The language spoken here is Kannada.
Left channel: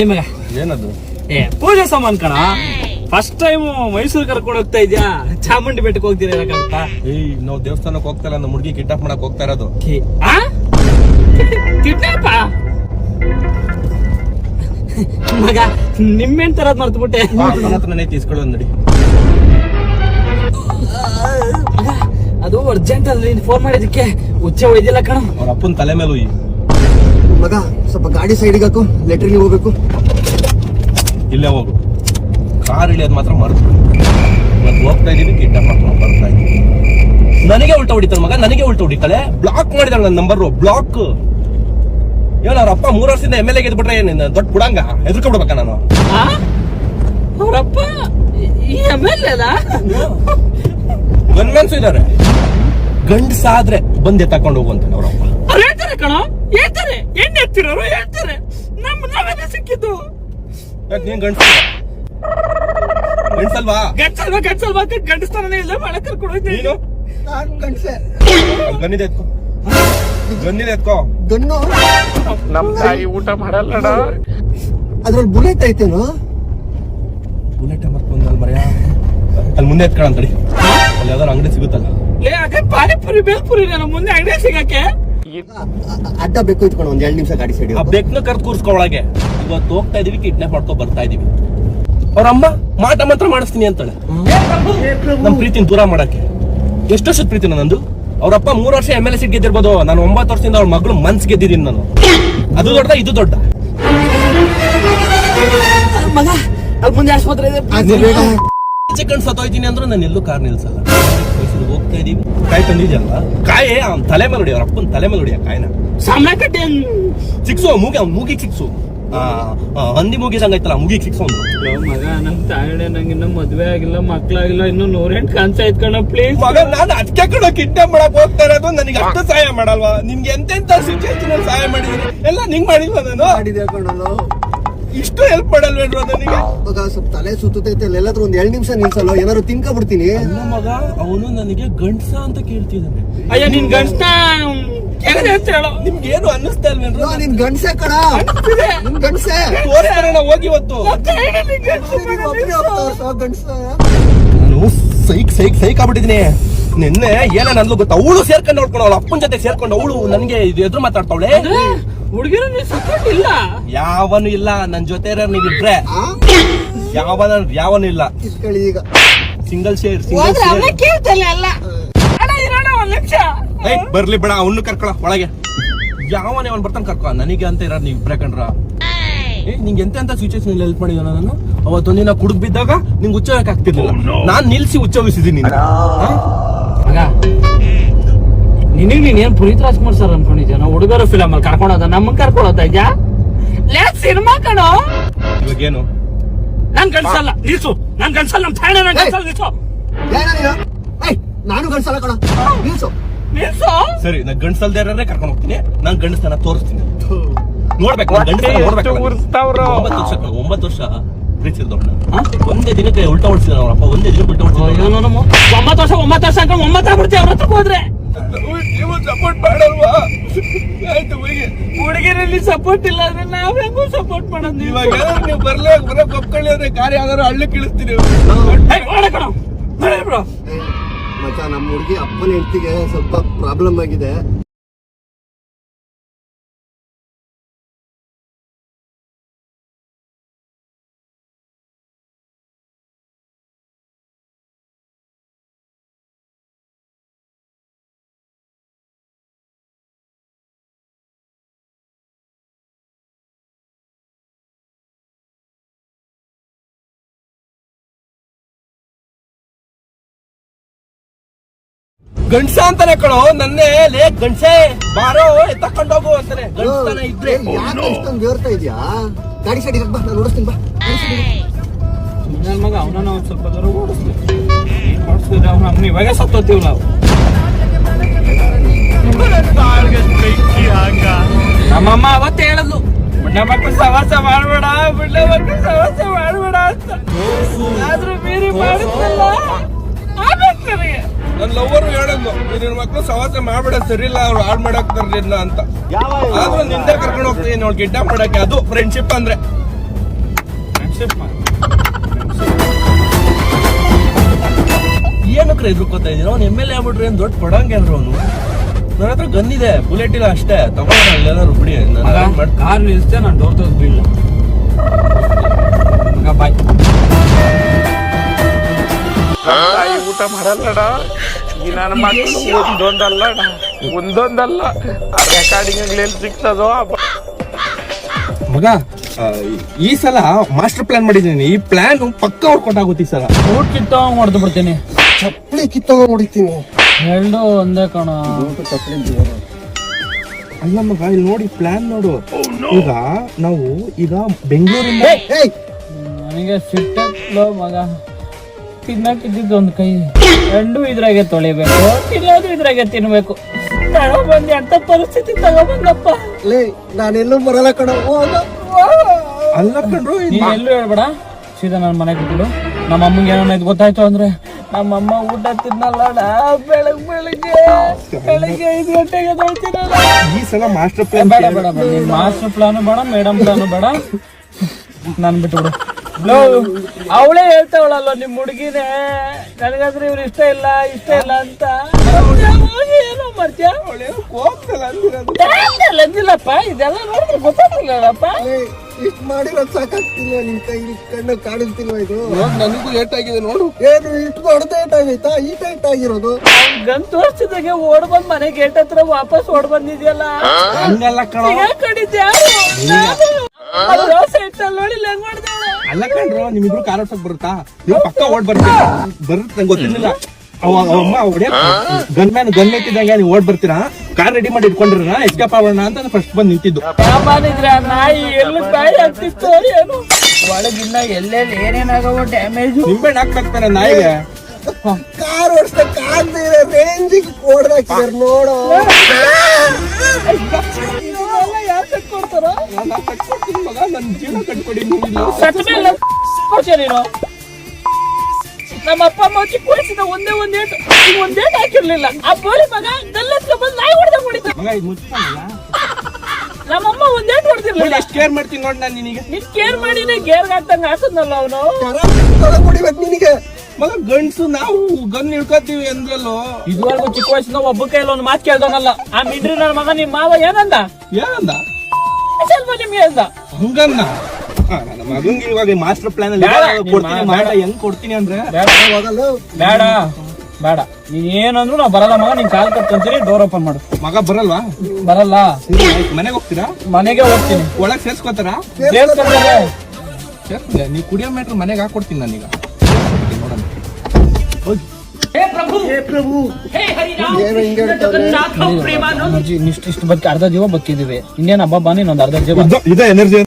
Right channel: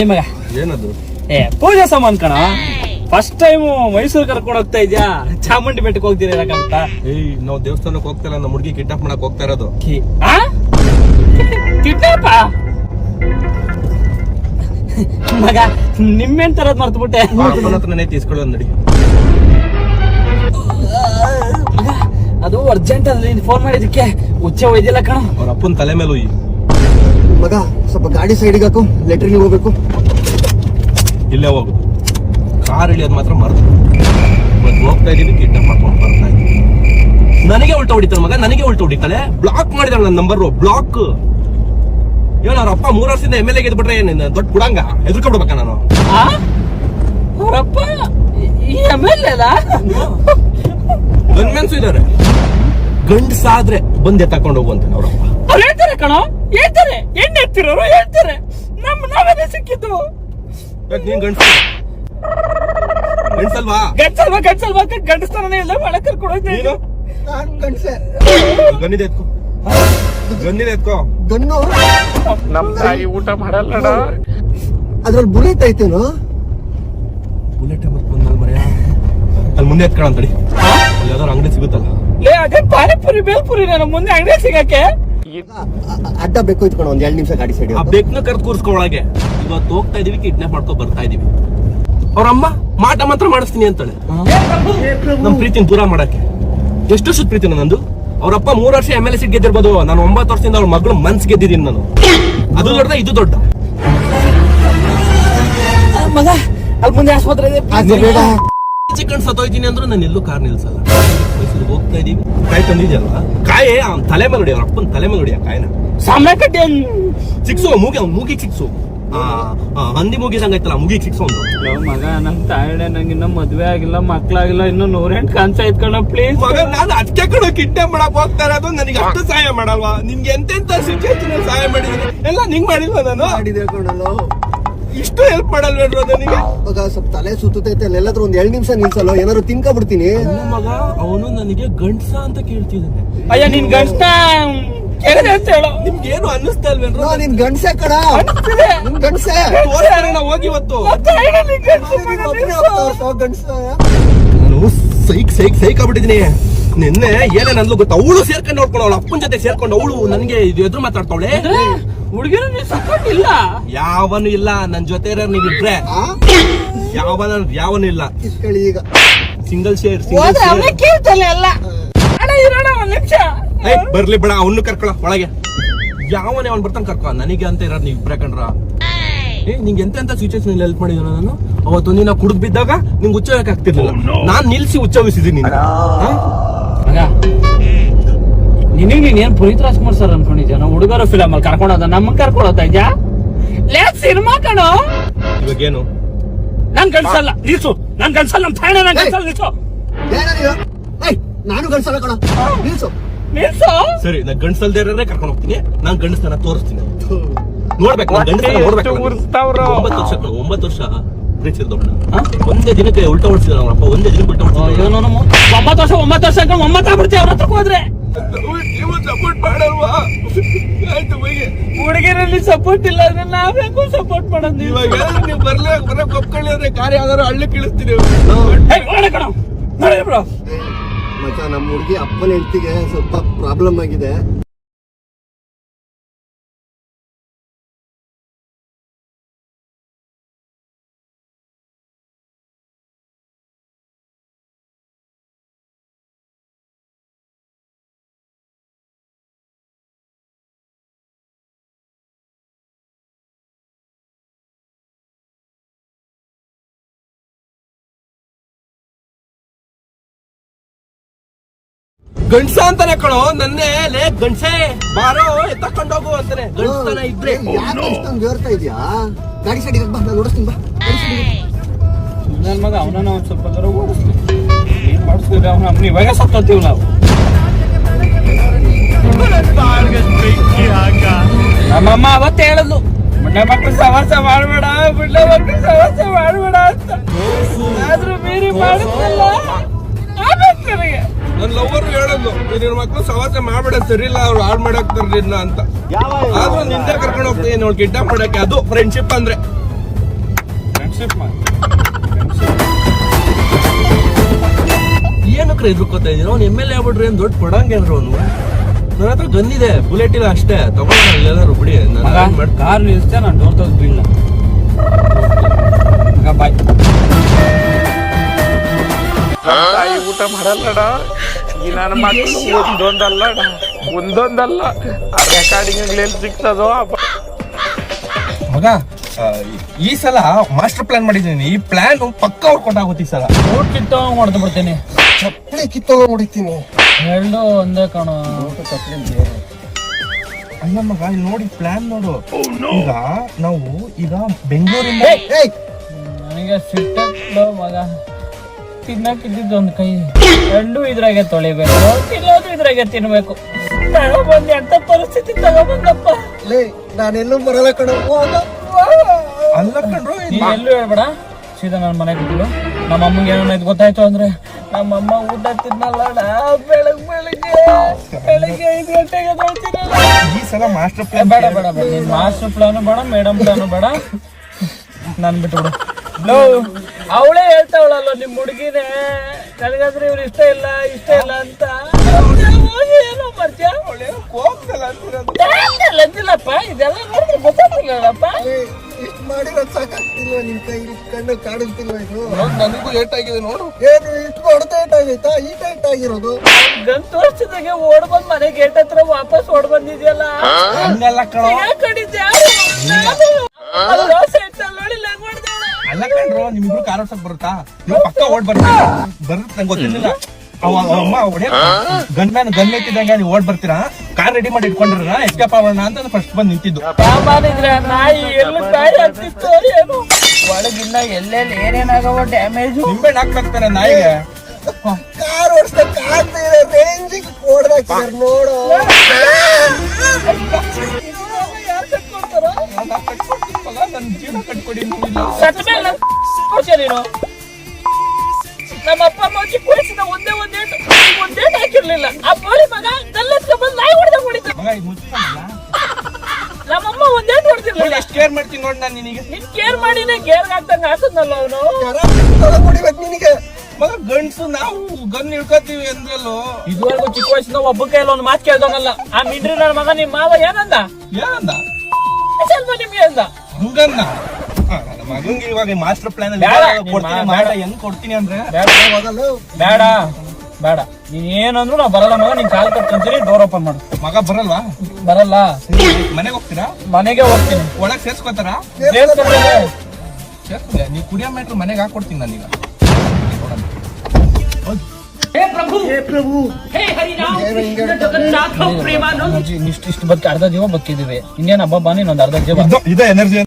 ನಿಮಗ ಏನದು? ಪೂಜೆ ಸಾಮಾನ್ ಕಣ. ಫಸ್ಟ್ ಟೈಮ್ ಮೈಸೂರು ಕರ್ಕೊಂಡು ಹೋಗ್ತಾ ಇದ್ಯಾ, ಚಾಮುಂಡಿ ಬೆಟ್ಟಕ್ಕೆ ಹೋಗ್ತಿರಕ್ಕಂತ. ನಾವು ದೇವಸ್ಥಾನಕ್ಕೆ ಹೋಗ್ತಾರ, ನಮ್ಮ ಹುಡುಗಿ ಕಿಡ್ನಾಪ್ ಮಾಡಕ್ ಹೋಗ್ತಾ ಇರೋದು. ಕಿಡ್ನಾಪ ಮಗ, ನಿಮ್ಮೇನ್ ತರದ್ ಮರ್ತು ಬಿಟ್ಟೆ. ಹತ್ರನೇ ತೀಸ್ಕೊಳ್ಳೋ ನಡಿ. ಅದು ಅರ್ಜೆಂಟ್ ಅದ್ರಲ್ಲಿ ಫೋನ್ ಮಾಡಿದಕ್ಕೆ ಉಚ್ಚ ಒಯ್ದಿಲ್ಲ ಕಣ. ಅವ್ರ ಅಪ್ಪನ ತಲೆ ಮೇಲೆ ಹೋಗಿ ಮಗ ಸ್ವಲ್ಪ ಗಾಡಿ ಸೈಡಿಗೆ ಹಾಕು, ಲೆಟ್ರಿಗೆ ಹೋಗ್ಬೇಕು. ಇಲ್ಲೇ ಹೋಗು, ಕಾರ್ ಇಳಿಯೋದು ಮಾತ್ರ ಮರ್ತು ಬಿಡು. ಮತ್ತೆ ಹೋಗ್ತಾ ಇದೀವಿ, ಕಿಡ್ನಾಪ್ ಮಾಡ್ಕೊಂಡು ಬರ್ತಾ ಇದೀವಿ. ನನಗೆ ಉಲ್ಟಾ ಹೊಡಿತಾಳೆ ಮಗ, ನನಗೆ ಉಲ್ಟಾ ಹೊಡಿತಾಳೆ. ಬ್ಲಾಕ್ ಮಾಡಿದಾಳೆ ನನ್ನ ನಂಬರ್, ಬ್ಲಾಕ್. ಏನ ಅವ್ರ ಅಪ್ಪ 3 ವರ್ಷದಿಂದ MLA ಗೆದ್ಬಿಟ್ರೆ ಏನ್ ದೊಡ್ಡ ಗುಡಂಗ ಎದುರ್ಕೊಂಡ್ಬಿಡ್ಬೇಕ ನಾನು? ಅವರಪ್ಪ ಗನ್ಮೆನ್ಸು ಇದಾರೆ, ಗಂಡಸಾದ್ರೆ ಬಂದೆ ತಕೊಂಡು ಹೋಗುವಂತ ಅವ್ರಪ್ಪ ಹೇಳ್ತಾರೆ ಕಣ, ಹೇಳ್ತಾರೆ. ಎಣ್ಣೆ ಎತ್ತಿರೋರು ಹೇಳ್ತಾರೆ, ನಾವೆಲ್ಲ ಸಿಕ್ಕಿದ್ದು. ನೀನ್ ಗಂಡಸಲ್ವಾ? ಗಂಡಸಲ್ವಾ ಗಂಡಸ್ತಾನೇ ಇಲ್ಲ, ಒಳಗೆ ಕರ್ಕೊಂಡು ಹೋಗ್ತೀನಿ. ನೀನು ನಾನು ಗಂಡ್ಸೆ. ಗನ್ನಿದೆ ಎತ್ಕೋ, ಗನ್ನಿದೆ ಎತ್ಕೋ. ಗನ್ನು ನಮ್ ತಾಯಿ ಊಟ ಮಾಡಲ್ಲಡ. ಅದ್ರಲ್ಲಿ ಬುಲೆಟ್ ಐತೇನು? ಬುಲೆಟ್ ಮರ್ಕೊಂಡಲ್ ಮರ್ಯ. ಅಲ್ಲಿ ಮುಂದೆ ಎತ್ಕೊಳ್ಳಂತಡಿ, ಅಲ್ಲಿ ಯಾವ್ದಾರು ಅಂಗಡಿ ಸಿಗುತ್ತಲ್ಲ. ಅದೇ ಪಾನಿಪುರಿ ಬೇಲ್ಪುರಿ ನನ್ನ ಮುಂದೆ ಅಂಗಡಿ ಸಿಗಕ್ಕೆ ಅಡ್ಡ ಬೇಕು ಇಟ್ಕೊಂಡು ಒಂದ್ 2 ನಿಮಿಷ ಗಾಡಿ ಸೈಡ್. ಆ ಬೆಕ್ನ ಕರ್ದು ಕೂರ್ಸ್ಕೊ ಒಳಗೆ. ಇವತ್ತು ಹೋಗ್ತಾ ಇದೀವಿ, ಕಿಡ್ನಾಪ್ ಮಾಡ್ಕೊ ಬರ್ತಾ ಇದೀವಿ. ಅವ್ರ ಅಮ್ಮ ಮಾಟ ಮಾತ್ರ ಮಾಡಿಸ್ತೀನಿ ಅಂತಾಳೆ, ನಮ್ ಪ್ರೀತಿನ ದೂರ ಮಾಡಕ್ಕೆ. ಎಷ್ಟು ವರ್ಷದ ಪ್ರೀತಿನ ನಂದು? ಅವ್ರಪ್ಪ 3 ವರ್ಷ MLA ಸೀಟ್ ಗೆದ್ದಿರ್ಬೋದು, ನಾನು 9 ವರ್ಷದಿಂದ ಅವ್ರ ಮಗಳು ಮನ್ಸ್ ಗೆದ್ದಿದ್ದೀನಿ ನಾನು. ಅದು ದೊಡ್ಡ, ಇದು ದೊಡ್ಡ ಮಗ. ಅಲ್ಲಿ ಮುಂದೆ ಆಸ್ಪತ್ರೆ ಇದೆ, ಚಿಕನ್ ಸತ್ತೋಯ್ತೀನಿ ಅಂದ್ರೂ ನಾನು ಎಲ್ಲೂ ಕಾರ್ ನಿಲ್ಸಲ್ಲ. ಮೈಸೂರಿಗೆ ಹೋಗ್ತಾ ಇದೀವಿ. ಕಾಯಿ ತಂದಿದ್ಯಲ್ವಾ, ಕಾಯೇ ಅವ್ನ ತಲೆ ಮೇಲೆ ಹೊಡಿ, ಅವ್ರ ಅಪ್ಪನ ತಲೆ ಮೇಲೆ ಹೊಡಿಯ ಕಾಯಿನ. ಸಾಂಬ್ರೆ ಕಟ್ಟಿ ಸಿಕ್ಸು ಮೂಗಿ, ಅವ್ನ ಮೂಗಿಗೆ ಸಿಕ್ಸು. ಹಂದಿ ಮುಗಿದಂಗೈತಲ್ಲ, ಮುಗಿಗೆ ಸಿಕ್ಸು ಒಂದು. ಮಗ, ನಮ್ ತಾಯಣ್ಣ ನಂಗೆ ಇನ್ನ ಮದ್ವೆ ಆಗಿಲ್ಲ, ಮಕ್ಳಾಗಿಲ್ಲ, ಇನ್ನು 108 ಕಾನ್ಸ ಇದ್ಕೊಂಡ ಪ್ಲೀಸ್. ಮಗ, ನಾನು ಅದಕ್ಕೆ ಕೂಡ ಕಿಡ್ನಾಪ್ ಮಾಡಕ್ ಹೋಗ್ತಾ ಇರೋದು. ನನಗೆ ಅಷ್ಟು ಸಹಾಯ ಮಾಡಲ್ವಾ? ನಿನ್ಗೆ ಎಂತೆಂತ ಸಿಚುವೇಶನ್ ಸಹಾಯ ಮಾಡಿದೀನಿ ಎಲ್ಲ ನಿಂಗ್ ಮಾಡಿಲ್ವಾ? ನಾನು ಮಾಡಿದೆ ಕಣಲು, ಇಷ್ಟು ಹೆಲ್ಪ್ ಮಾಡಲ್ವೇನ್ರೋ ನನಗೆ? ಮಗ ಸ್ವಲ್ಪ ತಲೆ ಸುತ್ತೈತೆ, ಎಲ್ಲಾದ್ರೂ ಒಂದ್ 2 ನಿಮಿಷ ನಿಲ್ಸಲ್ಲ, ಏನಾದ್ರು ತಿನ್ಕೊಂಡ್ಬಿಡ್ತೀನಿ. ನನ್ನ ಮಗ ಅವನು ನನಗೆ ಗಂಡ್ಸ ಅಂತ ಕೇಳ್ತಿದ್ದಾನೆ. ಅಯ್ಯ, ನಿನ್ ಗಂಡ್ಸ ಹೇಳು. ನಿಮ್ಗೇನು ಅನ್ನಿಸ್ತಾ ಇಲ್ವೇನ್ರೋ? ನಿನ್ ಗಂಡ್ಸೆ ಕಣ, ನಿನ್ ಗಂಡ್ಸೆ. ತೋರಿಸ್ತಾನೆ ನಾವು ಹೋಗಿ ಇವತ್ತು. ಗಂಡ್ಸ ನಾನು ಸೈಕ್ ಆಗ್ಬಿಟ್ಟಿದೀನಿ. ನಿನ್ನೆ ಏನೇನಂದ್ಲು ಗೊತ್ತಾ? ಅವಳು ಸೇರ್ಕೊಂಡು ನೋಡ್ಕೊಂಡು, ಅವಳ ಅಪ್ಪನ ಜೊತೆ ಸೇರ್ಕೊಂಡು ಅವಳು ನನಗೆ ಇದು ಎದುರು ಮಾತಾಡ್ತಾವಳೆ. ಹುಡುಗಿರು ಸಪೋರ್ಟ್ ಇಲ್ಲ, ಯಾವನು ಇಲ್ಲ ನನ್ನ ಜೊತೆ ಇರೋರು ನೀವಿಬ್ರೆ. ಯಾವನು ಇಲ್ಲ. ಇಸ್ಕೊಳ್ಳಿ ಈಗ. ಸಿಂಗಲ್ ಶೇರ್ ಕೇಳ್ತಲ್ಲ ಎಲ್ಲ. ಅಣ್ಣ ಇರೋಣ ಒಂದ್ ನಿಮಿಷ. ಬರ್ಲಿ ಬೇಡ, ಅವನು ಕರ್ಕೊಳ ಒಳಗೆ. ಯಾವನೇ ಅವ್ನು ಬರ್ತಾನೆ ಕರ್ಕೊ. ನನಗೆ ಅಂತ ಇರೋರು ನೀವ್ ಇಬ್ರೆ ಕಣ್ರ. ನಿಂಗೆ ಎಂತ ಸಿಚುವೇಶನ್ ಹೆಲ್ಪ್ ಮಾಡಿದ ನಾನು. ಅವತ್ತು ನೀನ ಕುಡಿದ್ ಬಿದ್ದಾಗ ನಿಂಗೆ ಉಚ್ಚೋಗಕ್ಕೆ ಆಗ್ತಿರ್ಲಿಲ್ಲ, ನಾನ್ ನಿಲ್ಸಿ ಉಚ್ಚವಿಸಿದೀನಿ. ನಿನಗ್ ನೀನ್ ಪುನೀತ್ ರಾಜ್ಕುಮಾರ್ ಸರ್ ಅನ್ಕೊಂಡಿದ್ಯಾ? ನಾವು ಹುಡುಗರ ಫಿಲಮ್ ಅಲ್ಲಿ ಕರ್ಕೊಂಡೋದ, ನಮ್ಮನ್ ಕರ್ಕೊಂಡೋಗ್ತಾ ಇದ್ಯಾ? ಸಿನಿಮಾ ಕಣೋ. ಇವಾಗೇನು? ನಾನ್ ಗಂಡ್ಸಲ್ಲ, ನಿಲ್ಸು. ನಾನ್ ಗಂಡ್ಸಲ್ಲ, ನಮ್ ತಾಯಿ ನಾನ್ ಗಂಡ್ಸಲ್ಲ, ನಿಲ್ಸು. ನಾನು ಗಂಡ್ಸಲ್ಲ ಕಣ, ನಿಲ್ಸು. ಸರಿ, ನಾ ಗಂಡ್ಸಲ್ದೇ ಇರೋದೇ ಕರ್ಕೊಂಡು ಹೋಗ್ತೀನಿ. ನಾನ್ ಗಂಡಸ್ತನ ತೋರಿಸ್ತೀನಿ, ನೋಡ್ಬೇಕು. 9 ವರ್ಷ ಪ್ರೀತಿಸಿದವನ್ನ ಒಂದೇ ದಿನಕ್ಕೆ ಉಲ್ಟಾ ಹೊಡ್ಸಿದ ಅವ್ರಪ್ಪ. ಒಂದೇ ದಿನಕ್ಕೆ ಉಲ್ಟಾ ಹೊಡ್ಸಿದ. 9 ವರ್ಷ ಅನ್ಕೊಂಡು 9 ಆಗ್ಬಿಡ್ತೀವಿ ಅವ್ರ ಹತ್ರಕ್ಕೆ ಹೋದ್ರೆ. ಸಪೋರ್ಟ್ ಮಾಡಲ್ವಾ? ಆಯ್ತು, ಹುಡುಗಿರಲ್ಲಿ ಸಪೋರ್ಟ್ ಇಲ್ಲ ಅಂದ್ರೆ ನಾವ್ ಹೆಂಗೋ ಸಪೋರ್ಟ್ ಮಾಡೋದು? ಇವಾಗ ನೀವು ಬರಕ್ ಒಪ್ಕೊಳ್ಳಿ ಅಂದ್ರೆ ಕಾರ್ಯ ಯಾವ್ದಾರು ಹಳ್ಳಿ ಕಳಿಸ್ತೀರಿ. ಮಚ್ಚ, ನಮ್ಮ ಹುಡುಗಿ ಅಪ್ಪನ ಹೆಂಡತಿಗೆ ಸ್ವಲ್ಪ ಪ್ರಾಬ್ಲಮ್ ಆಗಿದೆ. ಗಂಡ್ಸ ಅಂತಾನೆ ಕಣೋ ನನ್ನೇ. ಲೇ ಗಂಡ್ಸೆ ಬಾರೋ ಎತ್ತಕೊಂಡೋಗು ಅಂತಾನೆ. ಗಂಡ್ಸನ ಇದ್ರೆ ಇಷ್ಟೊಂದು ಬೇರ್ತಾ ಇದ್ಯಾ? ಗಾಡಿ ಸೈಡಿಗೆ ಬಾ, ನಾನು ಓಡಿಸ್ತೀನಿ. ಬಾ ಗಾಡಿ ಸೈಡಿಗೆ. ನನ್ ಮಗ ಅವನ ಒಂದ್ ಸ್ವಲ್ಪ ಓಡಿಸ್ತೀವಿ. ಅವನ ಇವಾಗ ಸತ್ತೋತೀವಿ ನಾವು. ನಮ್ಮಮ್ಮ ಅವತ್ತೇ ಹೇಳದ್ಲು, ಬುಡ್ಡ ಮಕ್ಕಳು ಸವಾಸ ಮಾಡ್ಬೇಡ, ಬುಡ್ಡ ಮಕ್ಕಳು ಸವಾಸ ಮಾಡ್ಬೇಡ ಅಂತ. ಆದ್ರೂ ಮೀರಿ ಮಾಡಿಸ್ತಿಲ್ಲ. ನನ್ ಲವರ್ ಹೇಳೋದು, ನಿನ್ನ ಮಕ್ಳು ಸವಾಸ ಮಾಡ್ಬೇಡ, ಸರಿ ಇಲ್ಲ, ಅವ್ರು ಹಾಳು ಮಾಡಾಕ್ತಾರ ಅಂತ. ಆದ್ರೂ ನಿಂದೆ ಕರ್ಕೊಂಡು ಹೋಗ್ತೀನಿ ಅವ್ಳು ಕಿಡ್ನಾಪ್ ಮಾಡಕ್ಕೆ. ಅದು ಫ್ರೆಂಡ್ಶಿಪ್ ಅಂದ್ರೆ. ಫ್ರೆಂಡ್ಶಿಪ್ ಏನಕ್ರೆ ಎದ್ರುಕೋತಾ ಇದೀನಿ? ಅವ್ನು MLA ಆಗ್ಬಿಟ್ರೆ ಏನ್ ದೊಡ್ಡ ಪಡಂಗೇನ್ರು ಅವನು. ನನ್ನ ಹತ್ರ ಗನ್ ಇದೆ, ಬುಲೆಟ್ ಇಲ್ಲ ಅಷ್ಟೇ. ತಗೊಂಡು ಎಲ್ಲಾದ್ರು ಬಿಡಿ, ನಾನು ಕಾರ್ ನಿಲ್ಸ್ತೇ, ನಾನು ಡೋರ್ ತೆಗೆದು ಬೀಳಲ್ಲ ಮಗ. ಬಾಯ್. ನಮ್ ತಾಯಿ ಊಟ ಮಾಡಲ್ಲಡ. ಈ ನನ್ನ ಮಕ್ಕಳು ಒಂದೊಂದಲ್ಲ ಆ ರೆಕಾರ್ಡಿಂಗ್ ಸಿಗ್ತದೋ ಮಗ. ಈ ಸಲ ಮಾಸ್ಟರ್ ಪ್ಲಾನ್ ಮಾಡಿದ್ದೀನಿ. ಈ ಪ್ಲಾನ್ ಪಕ್ಕ ಅವ್ರು ಕೊಟ್ಟಾಗುತ್ತೆ. ಈ ಸಲ ಕಿತ್ತ ಮಾಡ್ದು ಬಿಡ್ತೀನಿ. ಚಪ್ಪಲಿ ಕಿತ್ತೋಗ ಹೊಡಿತೀನಿ. ಎರಡು ಒಂದೇ ಕಣ. ಅಲ್ಲ ಮಗ, ಇಲ್ಲಿ ನೋಡಿ ಪ್ಲಾನ್ ನೋಡು. ಈಗ ನಾವು ಬೆಂಗಳೂರಿಂದ ನನಗೆ ಸಿಟ್ಟು ಮಗ. ತಿನ್ನಕ್ಕಿದ್ದು ಒಂದು ಕೈ, ಎರಡು ಇದ್ರಾಗೆ ತೊಳಿಬೇಕು, ಇಲ್ಲಾದ್ರೂ ಇದ್ರಾಗೆ ತಿನ್ಬೇಕು. ಒಂದ್ ಎಂತ ಪರಿಸ್ಥಿತಿ ತಗೊಂಬಂದಪ್ಪ. ನಾನೆಲ್ಲೂ ಬರಲ್ಲ ಕಣಪ್ಪ. ಅಲ್ಲ ಕಣ್ರು, ಎಲ್ಲೂ ಹೇಳ್ಬೇಡ. ಸೀದಾ ನನ್ನ ಮನೆಗೆ ಹೋಗ್ಬಿಡು. ನಮ್ಮ ಅಮ್ಮಂಗೆ ಏನೋ ಇದು ಗೊತ್ತಾಯ್ತು ಅಂದ್ರೆ ನಮ್ಮಮ್ಮ ಊಟ ತಿನ್ನಲ್ಲ. ಬೆಳಗ್ಗೆ 5 ಗಂಟೆಗೆ ಎದ್ದೇಳ್ತೀನಲ್ಲ. ಈ ಸಲ ಮಾಸ್ಟರ್ ಪ್ಲಾನ್ ಬೇಡ ಬೇಡ ಬೇಡ. ನೀನ್ ಮಾಸ್ಟರ್ ಪ್ಲಾನು ಬೇಡ, ಮೇಡಮ್ ಪ್ಲಾನು ಬೇಡ. ನನ್ ಬಿಟ್ಟು ಅವಳೇ ಹೇಳ್ತಾವಳಲ್ಲ ನಿಮ್ಮ ಹುಡುಗಿನೇ, ನನಗಂದ್ರೆ ಇವ್ರು ಇಷ್ಟ ಇಲ್ಲ ಅಂತ. ಏನೋ ಮಾಡ್ತೀಯ? ಅಂದಿಲ್ಲಪ್ಪ, ಇದೆಲ್ಲ ನೋಡಿದ್ರೆ ಗೊತ್ತಾಗಲ್ಲಪ್ಪ. ಇಷ್ಟು ಮಾಡಿರೋದು ಸಾಕಾಗ್ತಿಲ್ವ ನಿನ್ ಕೈಲಿ? ಕಣ್ಣಲ್ಲಿ ಕಾಣಿಸ್ತಿಲ್ವ ಇದು? ನನಗೂ ಲೇಟ್ ಆಗಿದೆ ನೋಡು. ಏನು ಇಷ್ಟು ಹೊಡೆದ ಏಟ್ ಆಗೈತಾ? ಈ ಟೈಟ್ ಆಗಿರೋದು ಗಂತು ವರ್ಷದಾಗೆ ಓಡ್ ಬಂದ್ ಮನೆ ಗೇಟ್ ಹತ್ರ ವಾಪಸ್ ಓಡ್ ಬಂದಿದ್ಯಲ್ಲ. ಹಂಗಲ್ಲ ಕಣ. ಕಡಿದ್ಯಾ ನೋಡಿಲ್ಲ ಹೆಂಗ್ ಮಾಡ್ದೆ? ಅಲ್ಲ ಕಣ್ರು, ನಿಮ್ಮಿಬ್ರು ಕಾರ್ ಓಡ್ಸಕ್ ಬರುತ್ತಾ? ನೀವು ಪಕ್ಕ ಓಡ್ ಬರ್ತೀರಾ? ಬರುತ್ತೆ ನಂಗೆ ಗೊತ್ತಿಲ್ಲ. ಅಮ್ಮ ಹೊಡಿಯ ಗನ್ ಎತ್ತಿದಂಗೆ ನೀವು ಓಡ್ ಬರ್ತೀರಾ? ಕಾರ್ ರೆಡಿ ಮಾಡಿ ಇಟ್ಕೊಂಡಿರ ಎಸ್ಕೇಪ್ ಆಗೋಣ ಅಂತ ಫಸ್ಟ್ ಬಂದು ನಿಂತಿದ್ದು. ನಾಯಿ ಎಲ್ಲೂ ಕಾಯಿ ಆಗ್ತಿತ್ತು ಏನು ಒಳಗಿನ್ನ ಎಲ್ಲೆಲ್ಲಿ ಏನೇನಾಗವ ಡ್ಯಾಮೇಜ್. ನಿಂಬೆ ಹಾಕ್ತಾರೆ ನಾಯಿಗೆ. ಕಾರ್ ಓಡಿಸ್ತಾ ಕಾಣ್ತಾ ಇದೆ, ರೇಂಜಿಗೆ ಓಡ್ದಾಕಿದಾರೆ ನೋಡೋ. ನನ್ನ ಜೀವನ ಕಟ್ಕೊಡಿ. ಸತ್ತ ಮೇಲೆ ಕೊಡ್ತೀಯ ನೀನು? ನಮ್ಮ ಅಪ್ಪ ಅಮ್ಮ ಚಿಕ್ಕ ವಯಸ್ಸಿನ ಒಂದೇಟ್ ಹಾಕಿರ್ಲಿಲ್ಲ. ಆ ಬೋಳಿ ಮಗ ಗಲ್ಲತ್ಕೊಂಡ್ಬಂದು ನಾಯಿ ಹೊಡೆದಾಗ ಹೊಡಿತ. ಮಗ ಇದು ಮುಚ್ಚಿಲ್ಲ. ನಮ್ಮಮ್ಮ ಒಂದೇಟ್ ಹೊಡೆದಿರ್ಲಿಲ್ಲ. ಎಷ್ಟು ಕೇರ್ ಮಾಡ್ತೀನಿ ನೋಡಿ ನಾನು ನಿನಗೆ. ನೀನ್ ಕೇರ್ ಮಾಡಿನೇ ಗೇರ್ಗೆ ಹಾಕ್ದಂಗ ಹಾಕದ್ನಲ್ಲ ಅವನು. ಕುಡಿಬೇಕು ನಿನಗೆ. ಮಗ ಗಂಡ್ಸು ನಾವು ಗನ್ ಇಳ್ಕೊತೀವಿ ಅಂದ್ರಲ್ಲೋ. ಇದುವರೆಗೂ ಚಿಕ್ಕ ವಯಸ್ಸಿನ ಒಬ್ಬ ಕೈಯಲ್ಲಿ ಒಂದು ಮಾತು ಕೇಳ್ದವನಲ್ಲ. ಆ ಮಿಡ್ರಿ ನನ್ನ ಮಗ ನಿಮ್ಮ ಮಾವ ಏನಂದ ನಿಮ್ಗೆ ಅಂದ ಹಂಗಂದ. ನನ್ನ ಮಗಂಗೆ ಇವಾಗ ಮಾಸ್ಟರ್ ಪ್ಲಾನ್ ಅಲ್ಲಿ ಕೊಡ್ತೀನಿ ಮಾಡ ಹೆಂಗ್ ಕೊಡ್ತೀನಿ ಅಂದ್ರೆ ಬೇಡ ಬೇಡ. ನೀನ್ ಏನಂದ್ರು ನಾ ಬರಲ್ಲ ಮಗ. ನೀನ್ ಕಾಲ್ ಕಟ್ಕೊಂತೀನಿ, ಡೋರ್ ಓಪನ್ ಮಾಡು. ಮಗ ಬರಲ್ವಾ? ಬರಲ್ಲ. ಮನೆಗೆ ಹೋಗ್ತೀರಾ? ಮನೆಗೆ ಹೋಗ್ತೀನಿ. ಒಳಗ್ ಸೇರ್ಸ್ಕೊತಾರ? ನೀವು ಕುಡಿಯೋ ಮ್ಯಾಟ್ರ್ ಮನೆಗೆ ಹಾಕೊಡ್ತೀನಿ ನಾನೀಗ. ಹೋಗಿ. ಇಷ್ಟು ಬದುಕಿ ಅರ್ಧ ಜೀವ ಬದುಕಿದೀವಿ. ಇನ್ನೇನ್ ಹಬ್ಬ ಇನ್ನೊಂದು ಅರ್ಧ ಜೀವ ಇದೆ ಎನರ್ಜಿ.